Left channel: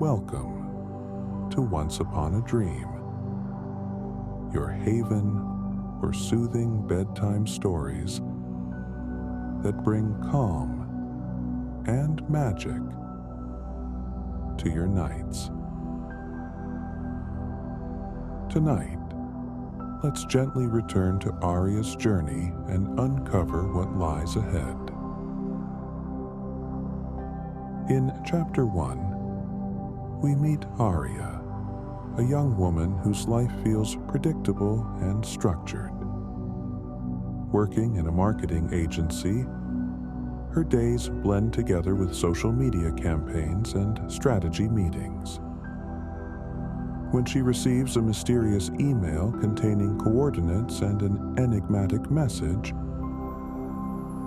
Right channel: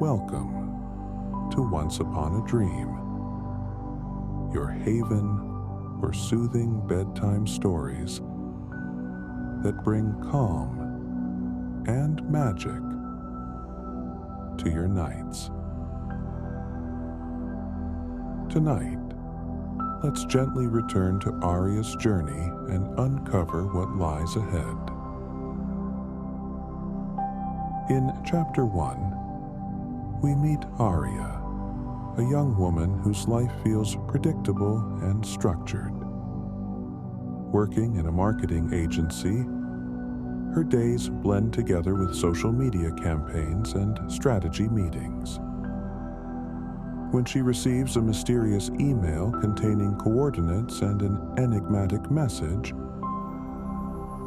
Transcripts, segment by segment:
welcome to Once Upon a Dream, your haven for soothing bedtime stories that bring calm and magic to your nights. Tonight, let's gently return to Aria's journey and uncover what lies ahead. In Chapter 1, we meet Aria, a young woman whose life feels predictable and structured. Working in a marketing agency, her days blend together with social media campaigns and strategy meetings. When she receives a mysterious email containing coordinates and an enigmatic message,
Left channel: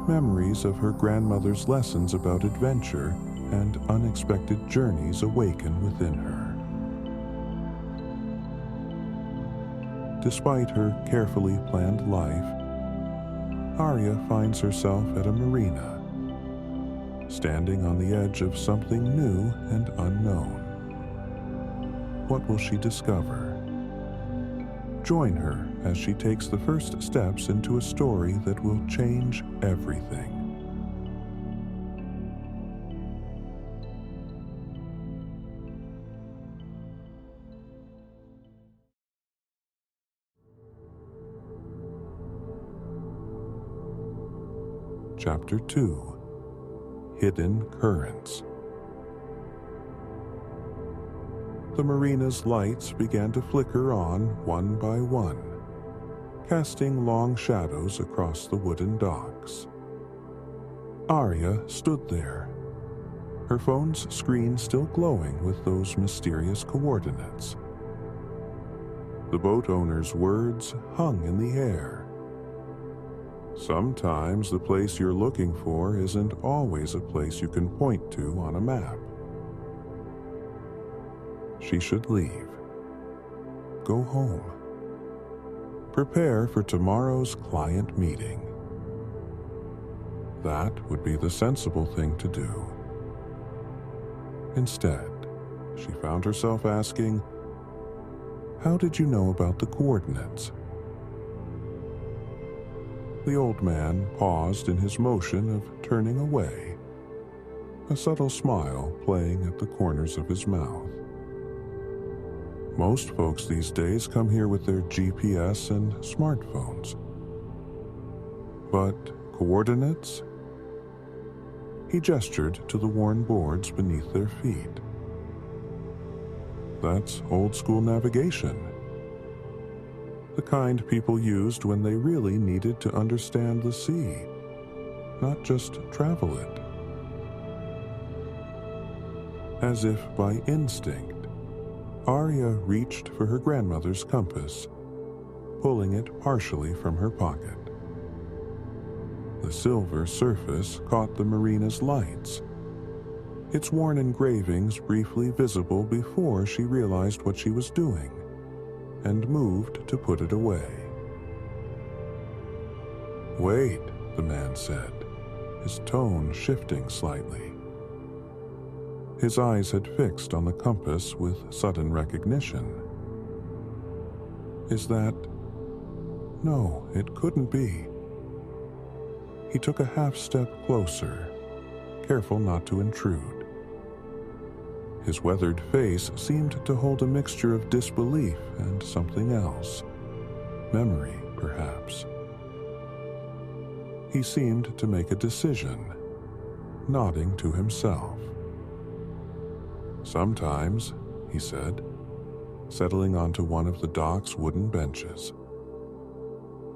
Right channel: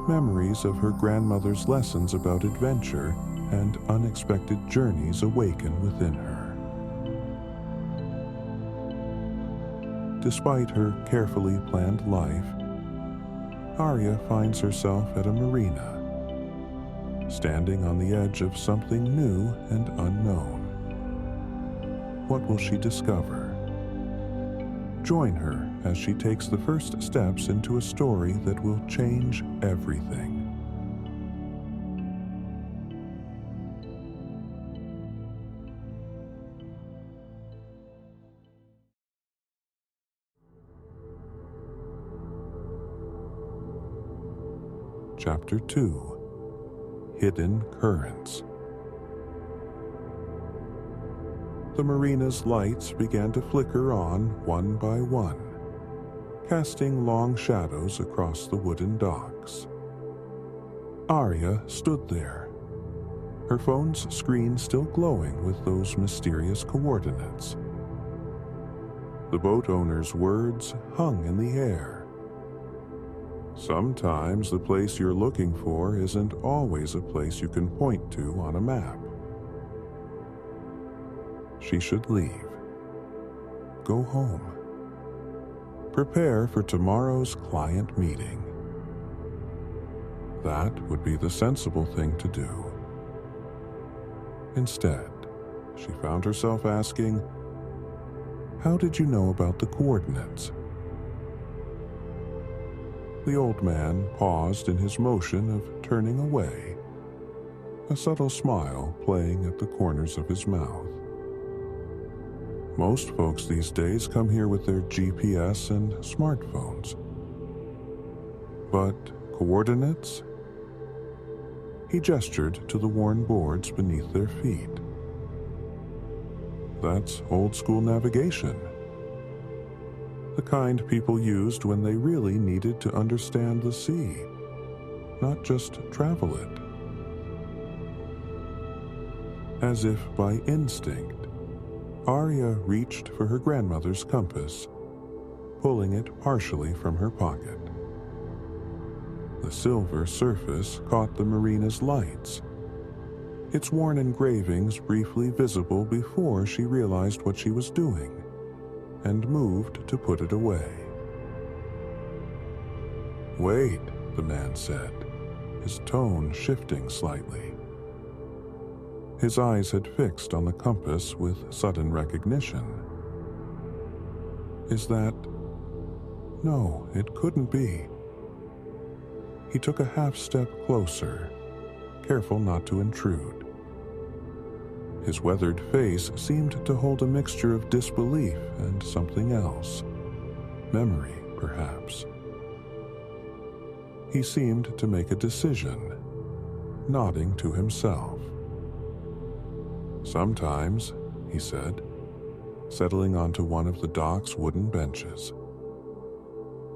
memories of her grandmother's lessons about adventure and unexpected journeys awaken within her. Despite her carefully planned life, Aria finds herself at a marina, standing on the edge of something new and unknown. What will she discover? Join her as she takes the first steps into a story that will change everything. Chapter 2: Hidden Currents. The marina's lights began to flicker on one by one, casting long shadows across the wooden docks. Aria stood there, her phone's screen still glowing with those mysterious coordinates. The boat owner's words hung in the air. Sometimes the place you're looking for isn't always a place you can point to on a map. She should leave. Go home. Prepare for tomorrow's client meeting. That would be the sensible thing to do. Instead, she found herself asking, "How did you know about the coordinates?" The old man paused in his motion of turning away, a subtle smile playing at the corners of his mouth. Most folks these days come here with their GPS and smartphones. But coordinates? He gestured to the worn boards beneath their feet. That's old-school navigation. The kind people used when they really needed to understand the sea, not just travel it. As if by instinct, Aria reached for her grandmother's compass, pulling it partially from her pocket. The silver surface caught the marina's lights, its worn engravings briefly visible before she realized what she was doing, and moved to put it away. "Wait," the man said, his tone shifting slightly. His eyes had fixed on the compass with sudden recognition. "Is that—" No, it couldn't be. He took a half-step closer, careful not to intrude. His weathered face seemed to hold a mixture of disbelief and something else. Memory, perhaps. He seemed to make a decision, nodding to himself. "Sometimes," he said, settling onto one of the dock's wooden benches.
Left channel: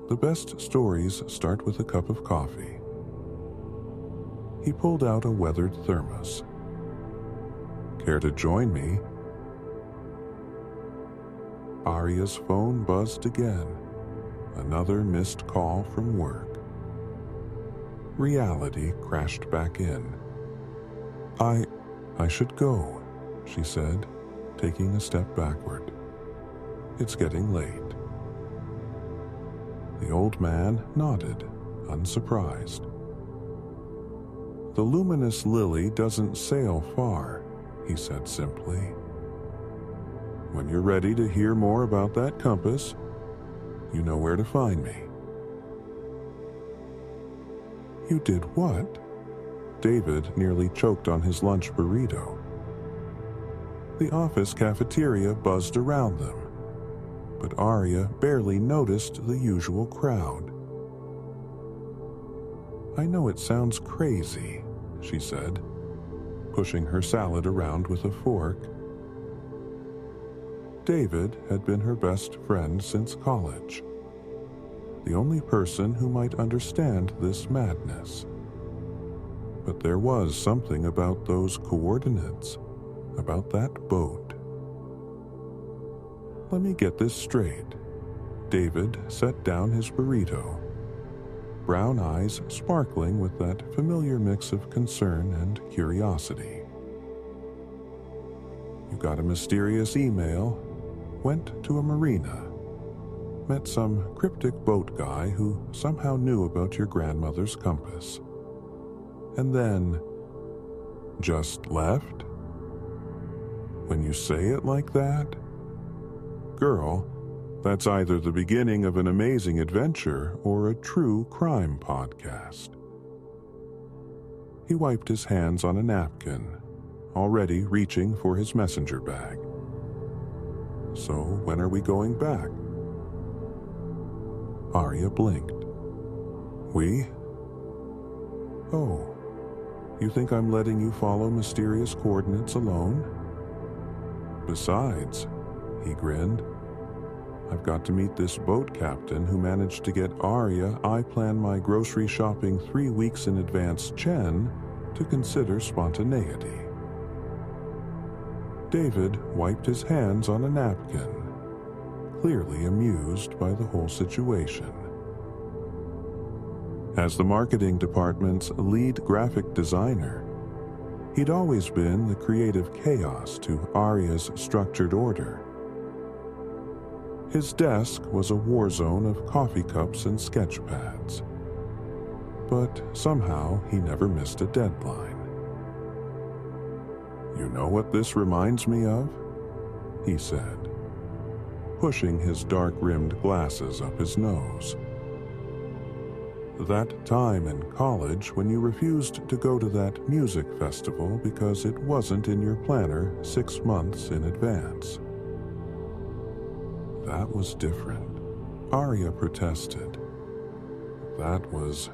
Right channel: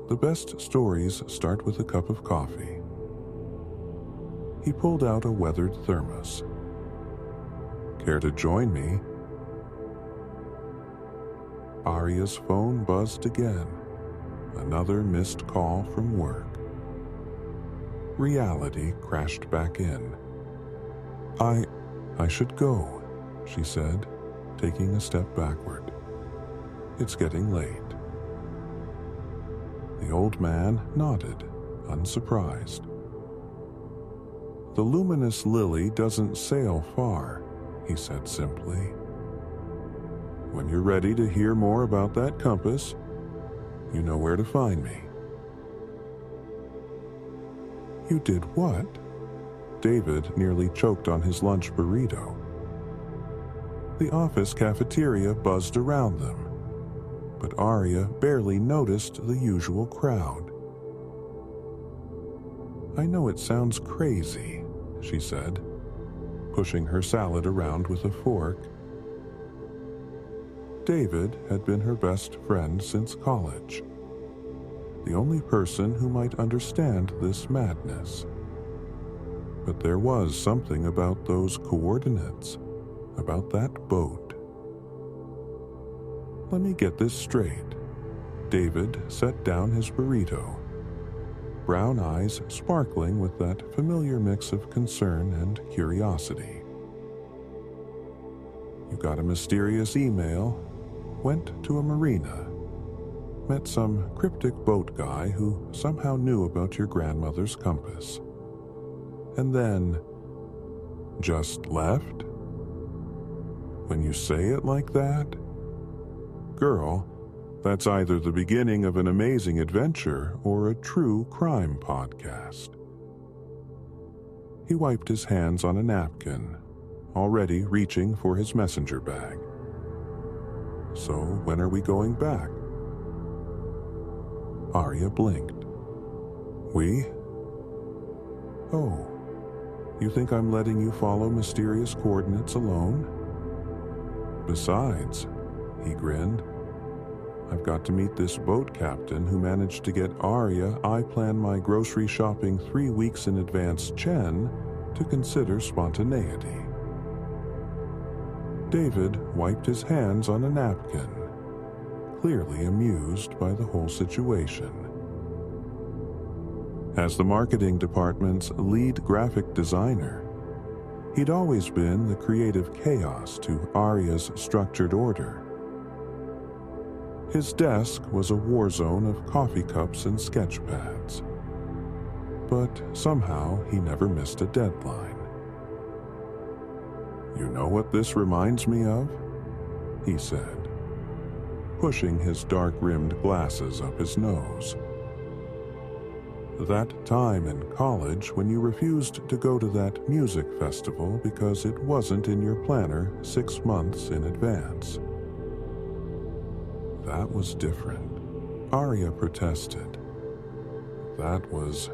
"The best stories start with a cup of coffee." He pulled out a weathered thermos. "Care to join me?" Aria's phone buzzed again, another missed call from work. Reality crashed back in. I should go," she said, taking a step backward. "It's getting late." The old man nodded, unsurprised. "The Luminous Lily doesn't sail far," he said simply. "When you're ready to hear more about that compass, you know where to find me." "You did what?" David nearly choked on his lunch burrito. The office cafeteria buzzed around them, but Aria barely noticed the usual crowd. "I know it sounds crazy," she said, pushing her salad around with a fork. David had been her best friend since college, the only person who might understand this madness. But there was something about those coordinates, about that boat. "Let me get this straight." David set down his burrito, brown eyes sparkling with that familiar mix of concern and curiosity. "You got a mysterious email, went to a marina, met some cryptic boat guy who somehow knew about your grandmother's compass, and then just left? When you say it like that, girl, that's either the beginning of an amazing adventure or a true crime podcast." He wiped his hands on a napkin, already reaching for his messenger bag. "So when are we going back?" Aria blinked. "We? Oh, you think I'm letting you follow mysterious coordinates alone? Besides," he grinned, "I've got to meet this boat captain who managed to get Aria I plan my grocery shopping 3 weeks in advance Chen to consider spontaneity." David wiped his hands on a napkin, clearly amused by the whole situation. As the marketing department's lead graphic designer, he'd always been the creative chaos to Aria's structured order. His desk was a war zone of coffee cups and sketch pads, but somehow he never missed a deadline. "You know what this reminds me of?" he said, pushing his dark-rimmed glasses up his nose. "That time in college when you refused to go to that music festival because it wasn't in your planner 6 months in advance." "That was different," Aria protested. "That was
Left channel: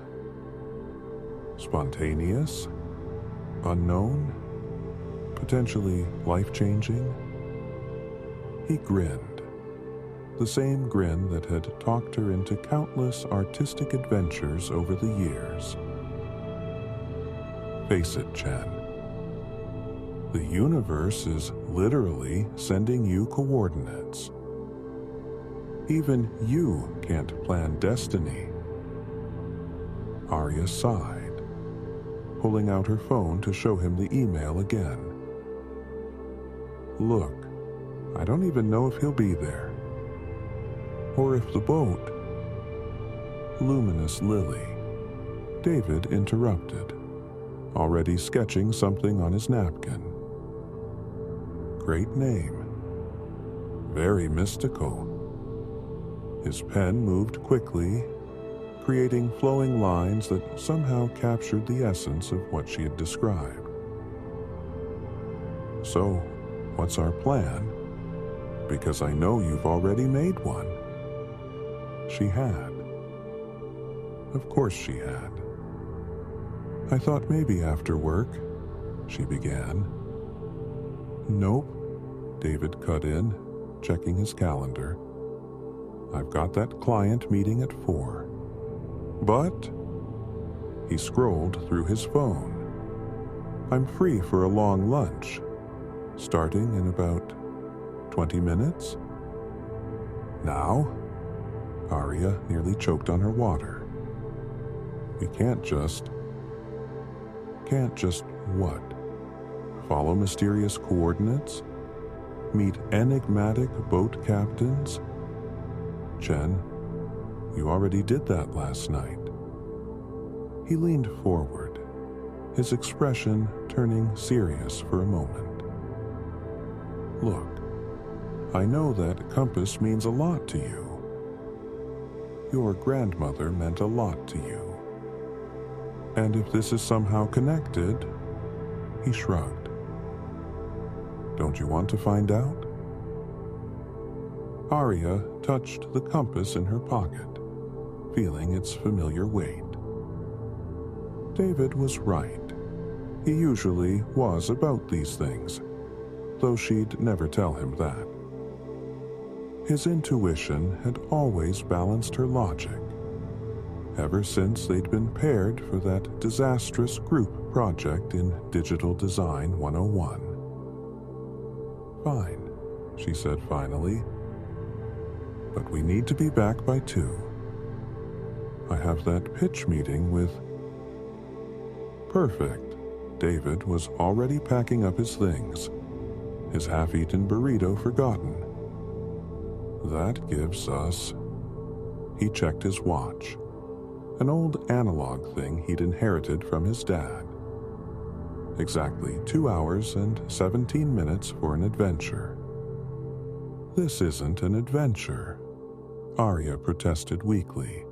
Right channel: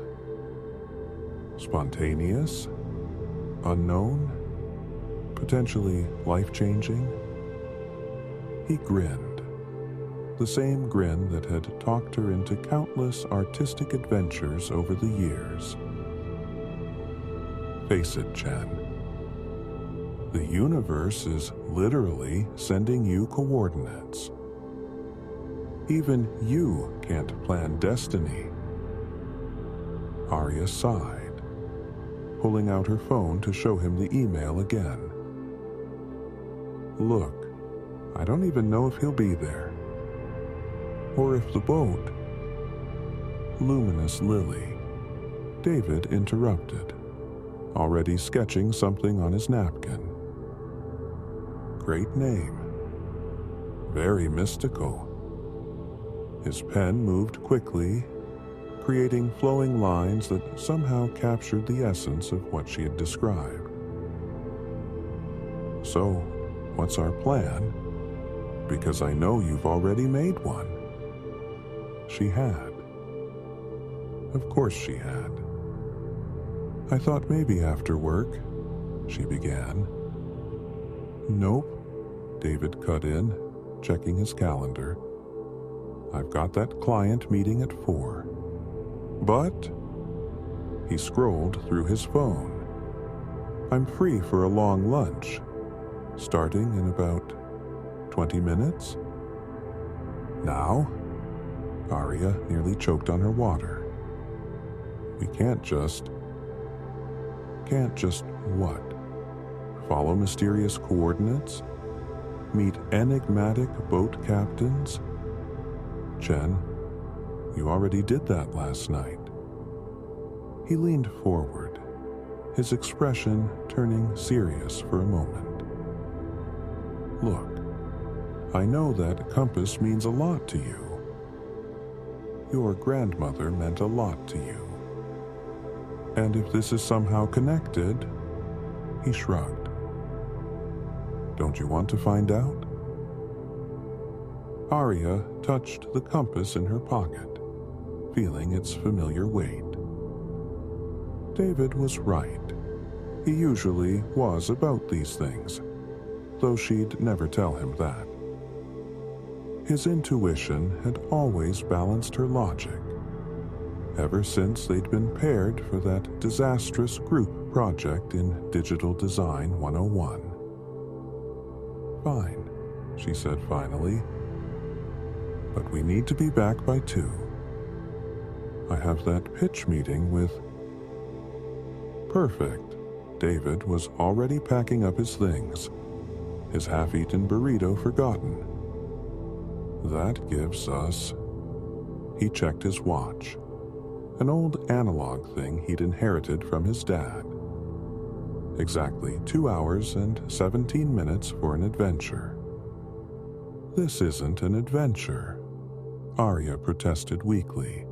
spontaneous, unknown, potentially life-changing." He grinned, the same grin that had talked her into countless artistic adventures over the years. "Face it, Chen. The universe is literally sending you coordinates. Even you can't plan destiny." Aria sighed, pulling out her phone to show him the email again. "Look, I don't even know if he'll be there. Or if the boat—" "Luminous Lily," David interrupted, already sketching something on his napkin. "Great name. Very mystical." His pen moved quickly, creating flowing lines that somehow captured the essence of what she had described. "So, what's our plan? Because I know you've already made one." She had. Of course she had. "I thought maybe after work," she began. "Nope," David cut in, checking his calendar. "I've got that client meeting at 4. But," he scrolled through his phone, "I'm free for a long lunch, starting in about 20 minutes. Now?" Aria nearly choked on her water. "We can't just..." "Can't just what? Follow mysterious coordinates? Meet enigmatic boat captains? Chen, you already did that last night." He leaned forward, his expression turning serious for a moment. Look, I know that compass means a lot to you. Your grandmother meant a lot to you. And if this is somehow connected, he shrugged. Don't you want to find out? Aria touched the compass in her pocket, feeling its familiar weight. David was right. He usually was about these things, though she'd never tell him that. His intuition had always balanced her logic, ever since they'd been paired for that disastrous group project in Digital Design 101. Fine, she said finally, but we need to be back by 2. I have that pitch meeting with... Perfect. David was already packing up his things, his half-eaten burrito forgotten. That gives us... He checked his watch, an old analog thing he'd inherited from his dad. Exactly 2 hours and 17 minutes for an adventure. This isn't an adventure, Aria protested weakly.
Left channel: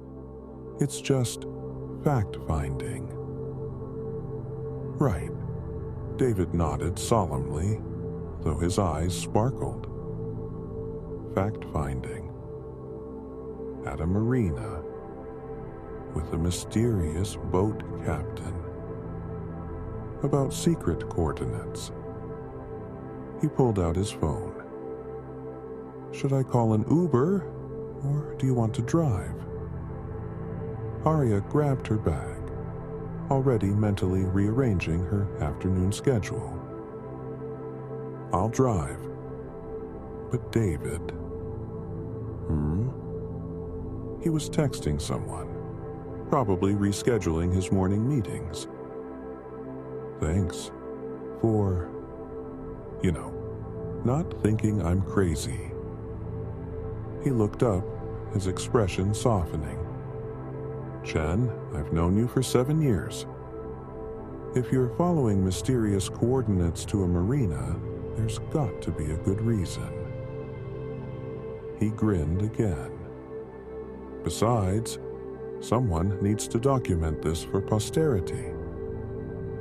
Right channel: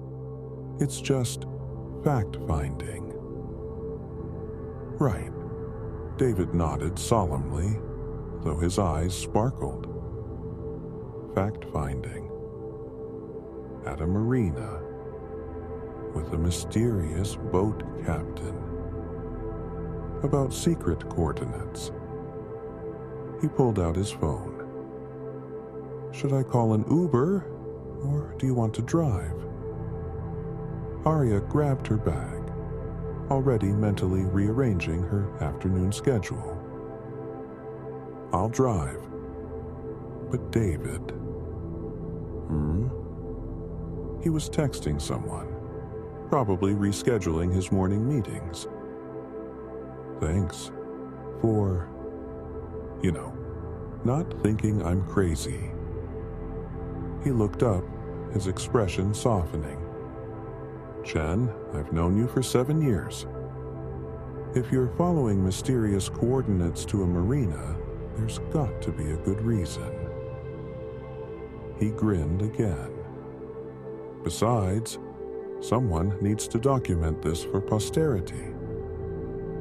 It's just fact-finding. Right. David nodded solemnly, though his eyes sparkled. Fact-finding. At a marina, with a mysterious boat captain. About secret coordinates. He pulled out his phone. Should I call an Uber, or do you want to drive? Aria grabbed her bag, already mentally rearranging her afternoon schedule. I'll drive. But David... He was texting someone, probably rescheduling his morning meetings. Thanks for, not thinking I'm crazy. He looked up, his expression softening. Chen, I've known you for 7 years. If you're following mysterious coordinates to a marina, there's got to be a good reason. He grinned again. Besides, someone needs to document this for posterity.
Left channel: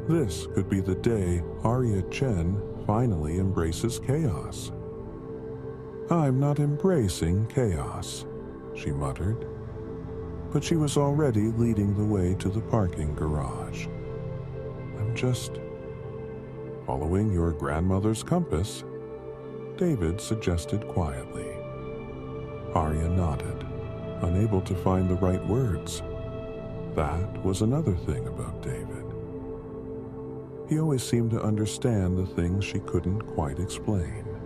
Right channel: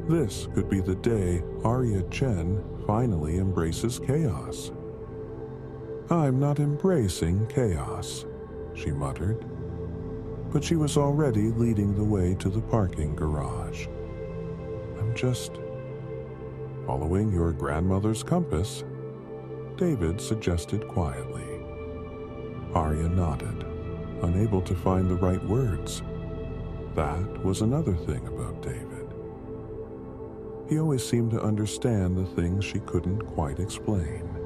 This could be the day Aria Chen finally embraces chaos. I'm not embracing chaos, she muttered. But she was already leading the way to the parking garage. I'm just following your grandmother's compass, David suggested quietly. Aria nodded, unable to find the right words. That was another thing about David. He always seemed to understand the things she couldn't quite explain.